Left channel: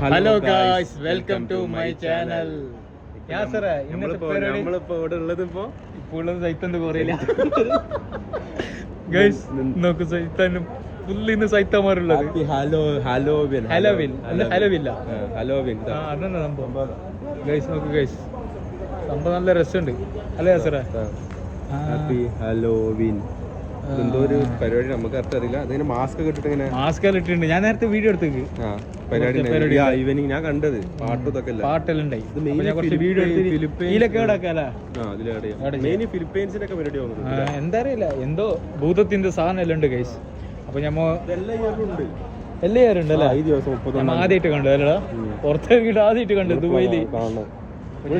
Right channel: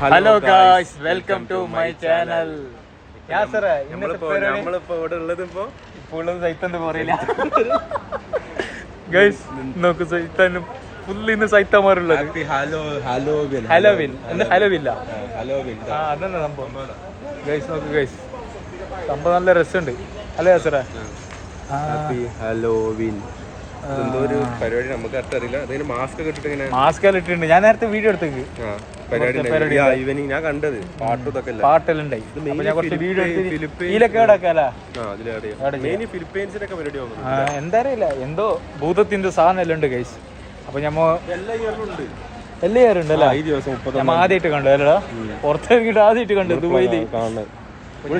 Hello guys, welcome to my channel. നമ്മളിപ്പോ ഇവിടെ ഉള്ളത് ഇപ്പോൾ സൈത്തന്റെ പറയില്ല ഗായ്സ്. നോക്ക് സൈത്താനും ഫുള്ള് ഇന്ന് സൈത്തമാരുള്ളത്. ഹലോവിൻ അതന്നെ സംഭവം ഗൈസ്. നോക്ക് ഗൈസ്, സംഭവം നല്ല രസമുണ്ട് അല്ലേ യാസറ? Happy Halloween. എന്തോ ഒരു പരിപാടി നമുക്ക് അർത്ഥം അറിയില്ല. അതിന് മാസ്ക് ഒക്കെ ഇട്ടിട്ട് മാസ്ക് എല്ലാം ഇട്ടിട്ടുണ്ട്. ഞാൻ നേരത്തെ വീഡിയോ എടുത്തേക്ക് പരിപാടി ഈവനിങ് ഞാൻ കണ്ടത്. പാട്ടും ഇതൊക്കെ പാട്ടെല്ലാം ഉണ്ടായി. ഫിലിപ്പീൻസിലൊക്കെ പരിപാടി എന്താ അറിയില്ല, എന്തോ ഭൂതത്തിന്റെ സാധനം എല്ലാം ഉണ്ട് ഗൈസ്. അപ്പൊ ഞമ്മ എല്ലാ ഇയറും ഉണ്ട്. എല്ലാ ഇയറും ഉണ്ടല്ലേ? ഞമ്മ ആദ്യമായിട്ട് കണ്ടു അല്ലടാ, പുറത്തേക്കിട്ട് ആദ്യമായിട്ട് കണ്ടു ദുബൈയില്.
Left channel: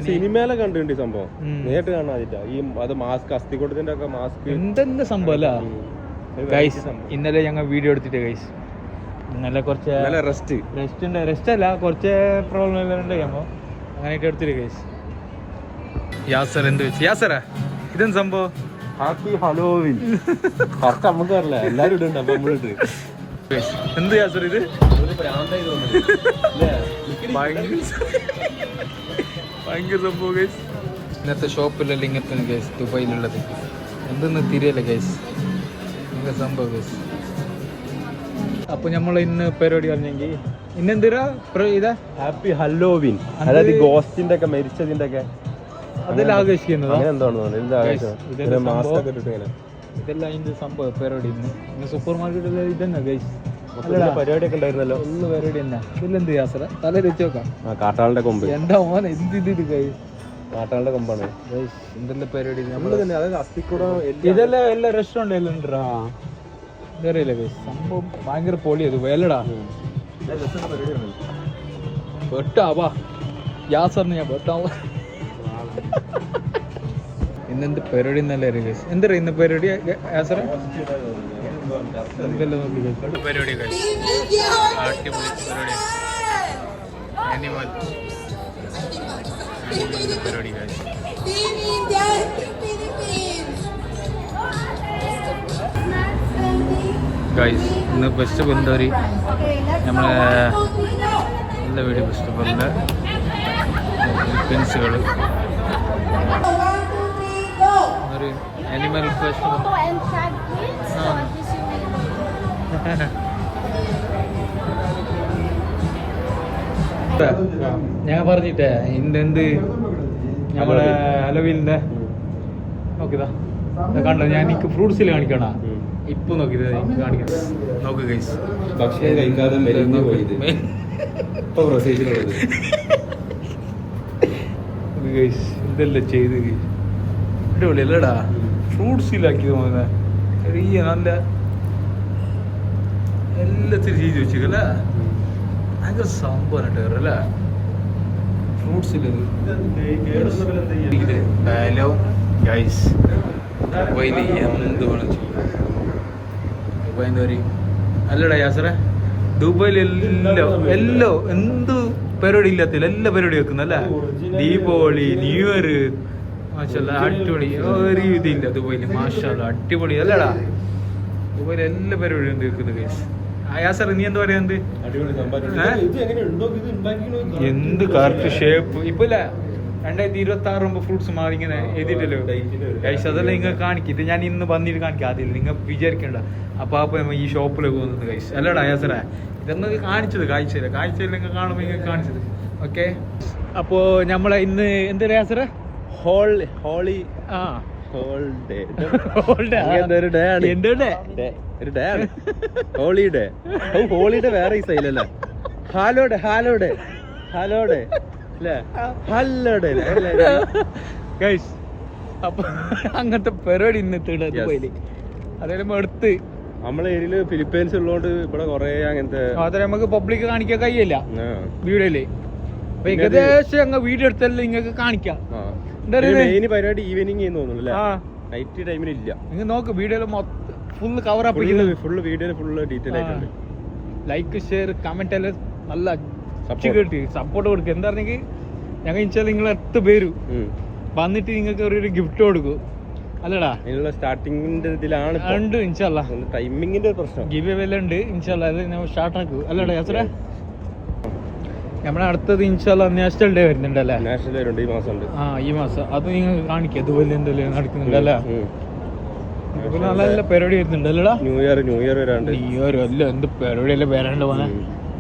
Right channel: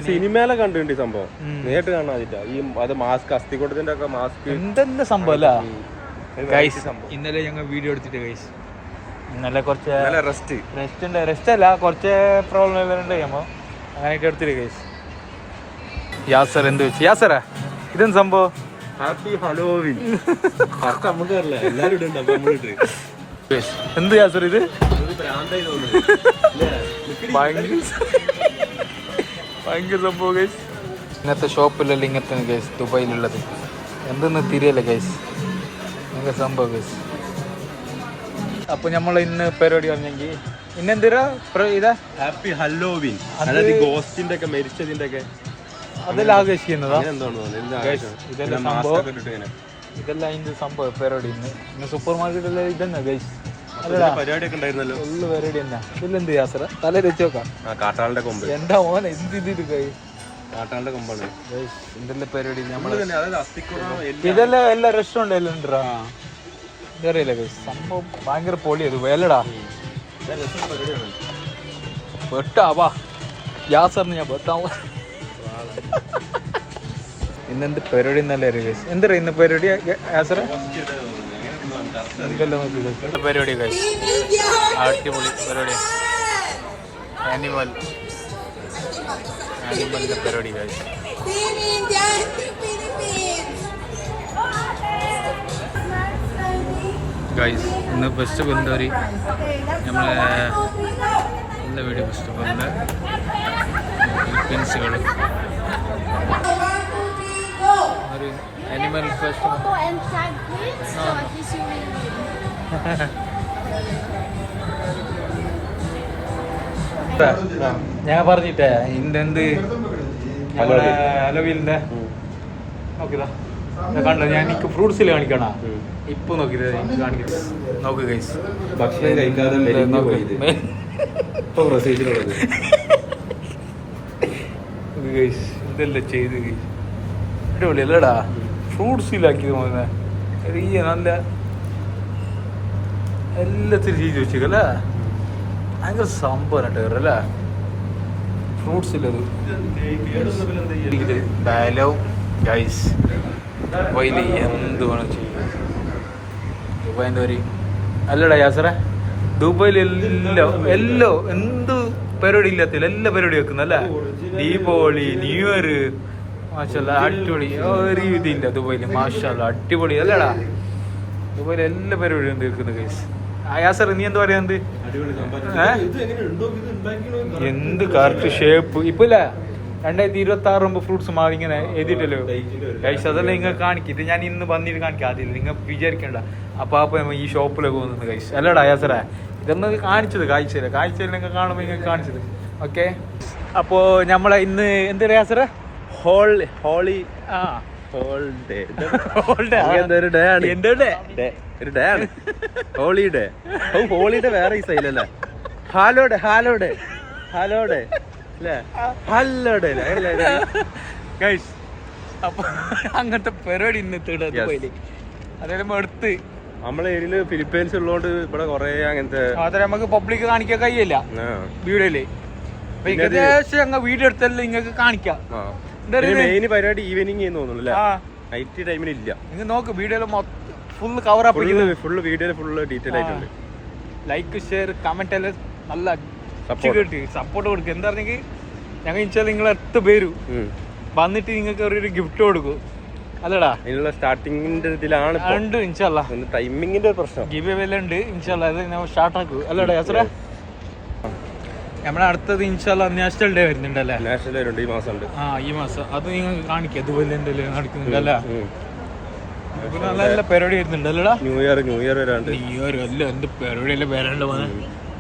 സിനിമയിലെ കണ്ടിട്ടുണ്ട് ഈ സംഭവം, നേരിട്ട് കാണാതില്ല. ഈ അത് മാസ്ക് അസ്ഥികൂടത്തിന്റെ ഒക്കെ മാസ്ക് എന്തെന്താ സംഭവം അല്ല ഗൈസ്. ഇന്നലെ ഞങ്ങൾ വീഡിയോ എടുത്തിട്ട് ഗൈസ്, ഇന്നലെ കുറച്ച് റെസ്റ്റ് അല്ല, കുറച്ച് പ്രോബ്ലം എല്ലാം ഉണ്ട് ഞമ്മ അങ്ങനെയൊക്കെ എടുത്തിട്ട് ഗൈസ്. യാസർ എന്ത് വെച്ച് യാസറ ഇതെന്ത് സംഭവം? Happy Halloween. നമുക്കറിയില്ല, എല്ലാരും ഇടുന്നുണ്ട്. അപ്പൊ നമ്മളിട്ട് എന്ത് യാസർ ഇത്? ഭയങ്കര സംഭവം ഗൈസ്. ഇന്നത്തെ ഷോപ്പിലല്ല ഇങ്ങനത്തെ ഗൈസ് ദുബൈയിലുള്ളത്. എന്തെന്ന് തിരിയല്ല ഗൈസ്, ഭയങ്കര സംഭവം ഗൈസ്. അപ്പൊ നമ്മൾ ഇന്ന് പരിപാടി പറഞ്ഞെങ്കിൽ ഇന്നെന്തിനാ ഇതാ ഹാപ്പി ഹലോവിൻ, അതായത് ഗോസ്റ്റിന്റെ ഒക്കെ മരിച്ചതിന്റെ ഒക്കെ അതെല്ലാം ആഘോഷിക്കുന്നതാ. ഇതെല്ലാം ഇതിന്റെ സംഭവം പരിപാടി. ഇന്ന് സൂപ്പർ മാർക്കറ്റ് ഇതന്നെ ഗൈസ്. പരിപാടിയൊക്കെ ഉണ്ടായിരുന്നല്ലോ, ഫുള്ള് പരിപാടി തന്നെ. ഇതെന്ത് യാത്ര തല വെച്ച് നോക്കാം. കാട്ടാളുടെ കൊമ്പ്. എന്താ മോനെ എന്ത് ഇത് ഗൈസ്, കാട്ടാളുടെ കൊമ്പാണ് ഗൈസ്. എന്തെല്ലാം പരിപാടി നമ്മള് തന്നെ. അതായത് അസ്ഥിക്കുറ ഇതെല്ലാം എല്ലാ റെസ്റ്റോറന്റ് എല്ലാം ഉണ്ടാ ഇതറിയില്ല ഗൈസ്. സംഭവം ഭയങ്കര പൊളിയത് വേലടാ. വെട്ടാ വാ യാസറിന് ഞാൻ വെട്ടാ. ഇന്നെന്ത് പരിപാടി എന്നല്ലേ ഗൈസ്? എന്താ ഇന്ന് പരിപാടി യാസറ? പരിപാടി ഗൈസ്, അടിപൊളി പരിപാടി. ആനിമലിന്റെ പരിപാടി ഗൈസ്. ഗൈസ് ഇന്ന് ബെസ്റ്റ് കൊണ്ടോരി നമ്മളെ എല്ലാ വീഡിയോ ബെസ്റ്റ് പോലെ ഫിലിപ്പീൻസുകൾ ഒരു ആനിമൽ ഫെസ്റ്റിവൽ. ഞാൻ പറഞ്ഞിട്ടേ ഇന്നെന്ത് നമ്മളെ ഹലോവീനിന്റെ നോക്കിതാ കണ്ടോ. ഞാൻ എനിക്ക് ഫ്രൂട്ട്സിൽ കാണിക്കണ ഇപ്പൊ നോക്കിയത് എനിക്ക് കാണിക്കുന്നത്. നോക്ക് ഗൈസ്, ഗൈസ് ഇതെല്ലാം ചെയ്ത് അടിപൊളി അല്ലടാ. ഫ്രൂട്ട്സിലാക്കിയത് മോനെ ചെറിയ നല്ല എല്ലാത്തിനും ചെയ്ത് വെച്ചേക്കല്ലേ. ഭയങ്കര സംഭവം അല്ലേ ഫ്രൂട്ട്സിലത്. ബലവും ഗൈസ് ദുബൈയിൽ എന്ത് വേണം ദുബൈൻ്റെ ഒരു അല്ലടാ യാസറ. ദുബൈയിൽ എല്ലോ എന്ത് പരിപാടി ഇല്ലാത്തില്ല, എല്ലാ പരിപാടി വെക്കുന്നല്ലേ. ദീപാവലി, ന്യൂ ഇയർ, മാഷല്ല അടിപൊളി. ഒരു ഇതില്ല ദുബൈയിൽ, മാഷല്ല അടിപൊളി അല്ലടാ. ദുബൈയിൽ എല്ലാ പരിപാടിയും തീർക്കുന്നത് ഗൈസ്. യാസർ നീ എന്താ പറയാ? എന്ത് കറക്റ്റ് ഷേപ്പ് ഇപ്പൊ ഇല്ല. 2026 ഫ്രൂട്ട്സ് മാറി ഇങ്ങനെ എഴുതിയിട്ടല്ലോ ഗൈസ്. അതെല്ലാം നിങ്ങൾ കാണിക്കിട്ട് ഞാൻ ഇന്ന് വന്നിട്ട് കാണിക്കാം. അതില്ല നിങ്ങൾ വിചാരിക്കണ്ട. അപ്പൊ ഈ ഷോപ്പിലേക്ക് പോകുന്നത് ഗൈസ് അല്ലടാ യാസറ. ഇതൊന്നും കാണിച്ചത് കാഴ്ചയിൽ നിങ്ങൾ കാണുമ്പോൾ നിങ്ങൾ കാണിച്ചത്. ഓക്കെ, അപ്പോ നമ്മളെ ഇന്ന് എന്താ യാസറ? ഹോളി ഹോളിഡേ വേറെ ഈ സൈലല്ലേ. ഹലോഡേ ഗൈസ്. അപ്പൊ അങ്ങനത്തെ പരിപാടി ഇന്നത്തെ ദുബൈയില് അതെല്ലാം എടുത്ത് നമ്മളെ ഏരിയയില് ഫിലിപ്പീൻസ് ഉള്ളതുകൊണ്ട് ഇവിടെ കൊറേ അങ്ങനത്തെ അതെ നമുക്ക് പബ്ലിക് കാണിക്കാൻ കഴിയില്ല വീഡിയോയില്. അപ്പൊ ഏകദേശം അങ്ങ് വീഡിയോ എടുത്തല്ലേ നിങ്ങൾക്ക് കാണിക്കാം. പരിപാടി ഈവനിങ് തോന്നുന്നു, നൈറ്റ് ടൈമിലില്ല. നിങ്ങൾ നോക്ക് വീഡിയോയില് ഫുള്ള് കവർ അപ്പ് ഫുള്ള് വീഡിയോയില് ഫുള്ള് ഡീറ്റെയിൽ ആയിട്ട് ലൈക്ക് ഷെയർ കമന്റ് എല്ലാം നല്ല കേട്ടി സപ്പോർട്ട് കൊടുക്കുക. എന്താ പറഞ്ഞെങ്കിൽ ഞങ്ങൾ ഇൻഷാ നിങ്ങൾ 8 പേര് വന്നിട്ട് നിങ്ങൾക്ക് ഒരു ഗിഫ്റ്റ് കൊടുക്കും അല്ലടാ. ഇതിനുള്ള സ്റ്റാർട്ടിങ്ങിന്റെ ഇതിലാണ് ഉണ്ട് ഇൻഷാല്ലാ. ടൈമിങ്ങിന്റെ പ്രശ്നം ഗിവ് അവേ ഉണ്ട് ഇൻഷാല്ലാ. അത് നമ്മൾ സ്റ്റാർട്ട് ആക്കൂ അല്ലടാ യാസറ. നമ്മളെ അടുത്തത് ഇൻഷാല്ല നാഷണൽ ഡേ വരുന്നുണ്ടല്ലേ? നാഷണൽ ഡേ ഉണ്ട് ഈ മാസം ഉണ്ട്. ആ ഈ മാസം അത് നിങ്ങൾക്ക് കാണിക്കാം. ദുബൈയിൽ എന്തെല്ലാം നടക്കുന്നുണ്ടല്ലേ? ഇതുപോലെ നല്ല നല്ല പരിപാടി വരുന്നുണ്ടല്ലേടാ? ന്യൂ ഇയർ വരാണ്ട്. ന്യൂ ഇയർ അല്ല എന്ത് പരിപാടിയല്ലേ വരാണ്ട് പോന്നെ.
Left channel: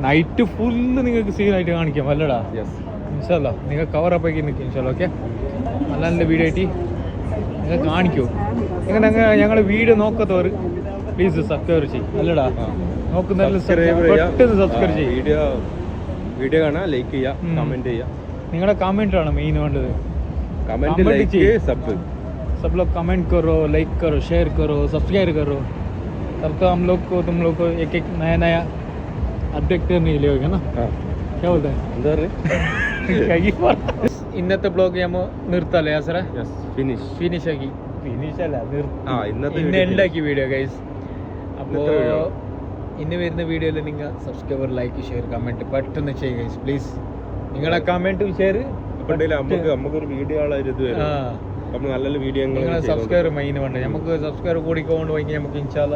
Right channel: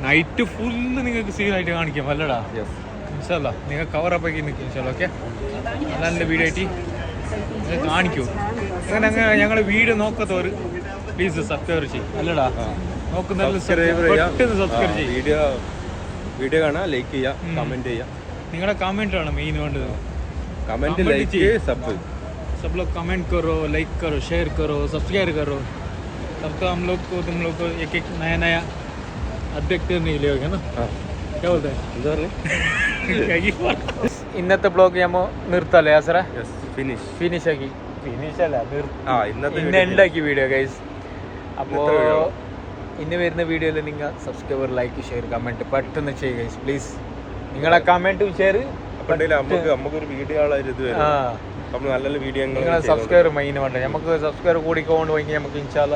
നൈറ്റ് ഫുള്ള് നിങ്ങൾക്ക് സീനായിട്ട് കാണിക്കാം അല്ലടാ? ഇൻഷാല്ല നിങ്ങൾ കവറപ്പ് ആക്കി നിൽക്കും ഇൻഷാല്ല. ഓക്കെ, നല്ല നല്ല വീഡിയോ ആയിട്ട് നിങ്ങൾ കാണിക്കൂ. ഇങ്ങനെ ഞങ്ങൾ വീഡിയോ നോക്കാത്തവർ പ്ലീസ് സബ്സ്ക്രൈബ് ചെയ്യും അല്ലടാ? നോക്കുന്നവരിൽ പെട്ടെന്ന് സബ്സ്ക്രൈബ് ചെയ്യും. വീഡിയോ കാണാം, ലൈക്ക് ചെയ്യാം, കമന്റ് ചെയ്യാം. നിങ്ങളുടെ കമന്റ് ആണ് മെയിൻ വേണ്ടത്. कमेंट कीजिए सब लोग कमेंट करो, लाइक करो, शेयर करो, सब्सक्राइब करो. तब तो हम लोग को तुम लोग को एक एक नया नया अपडेट करने के लिए होगा ना? क्या बोलते हैं? ഇന്നത്തെ ബ്ലോഗ് നമ്മൾ നിർത്തല്ലേ ആസറ? ഫിനിഷ് ആക്കി. ഫിനിഷ് അല്ല, ഇന്ന് ഉണ്ടാക്കി വീഡിയോ ഗൈസ്. അപ്പോൾ ഇന്ന് വരുന്ന വീഡിയോയിൽ നിങ്ങൾ സബ്സ്ക്രൈബർ, ലൈക്ക്, ഷെയർ, കമൻറ്റ് പെട്ടെന്ന് ചെയ്യുക ഗൈസ് പ്ലീസ്. നിങ്ങളെ കമൻറ്റും ഷെയർ നമുക്കൊരു വീഡിയോ നല്ല വീഡിയോ നിങ്ങളെ സബ്സ്ക്രൈബർ മെയിൻ വേണ്ട. നമുക്ക് സബ്സ്ക്രൈബർ കൂടിക്കൊണ്ട് പോയി നമുക്ക് ഇൻഷാല്ല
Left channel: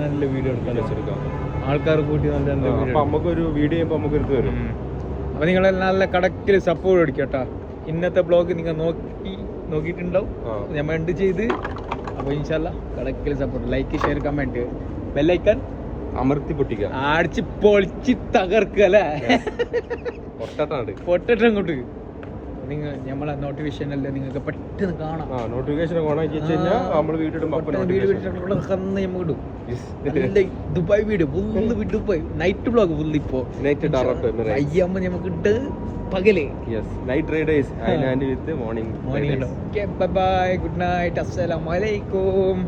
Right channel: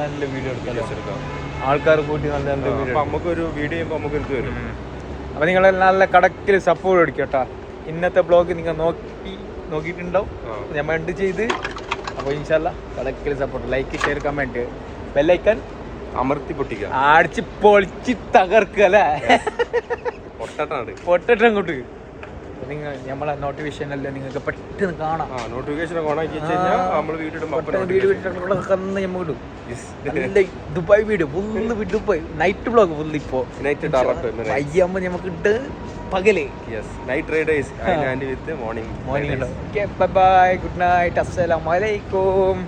നല്ല വീഡിയോ എടുക്കാം. ആൾക്കാർ കൂട്ടി നല്ല നല്ല വീഡിയോ നമുക്കൊരു വീഡിയോ നമുക്കൊരു വരും. അപ്പോൾ നിങ്ങൾ നല്ല കടക്കിൽ സപ്പോർട്ട് അടിക്കും കേട്ടോ. ഇന്നത്തെ ബ്ലോഗ് നിങ്ങൾ നോക്കിയിട്ടുണ്ടാവും, ഞാൻ എൻഡ് ചെയ്ത്. അപ്പോൾ ഇൻഷാല്ല കടക്കിൽ support, like, share, comment, bell icon അമർത്തി പൊട്ടിക്കുക, അടിച്ച് പൊളിച്ച് തകർക്കുക അല്ലേ? പൊട്ടട്ടം കൊണ്ട് നിങ്ങൾ നമ്മളെ നോട്ടിഫിക്കേഷൻ അല്ലേ നിങ്ങൾക്ക് പെട്ടെന്ന് കാണാം. നോട്ടിഫിക്കേഷൻ ഓൺ ആക്കി കഴിഞ്ഞാൽ നമ്മൾ video Dubai video full Dubai night blog full. ഇപ്പോൾ അയ്യമ്മ നമുക്ക് ഇട്ട് പകല് നൈറ്റ് റൈഡേഴ്സ് വിത്ത് morning. Bye bye, good night, അസ്സലാമു അലൈക്കും.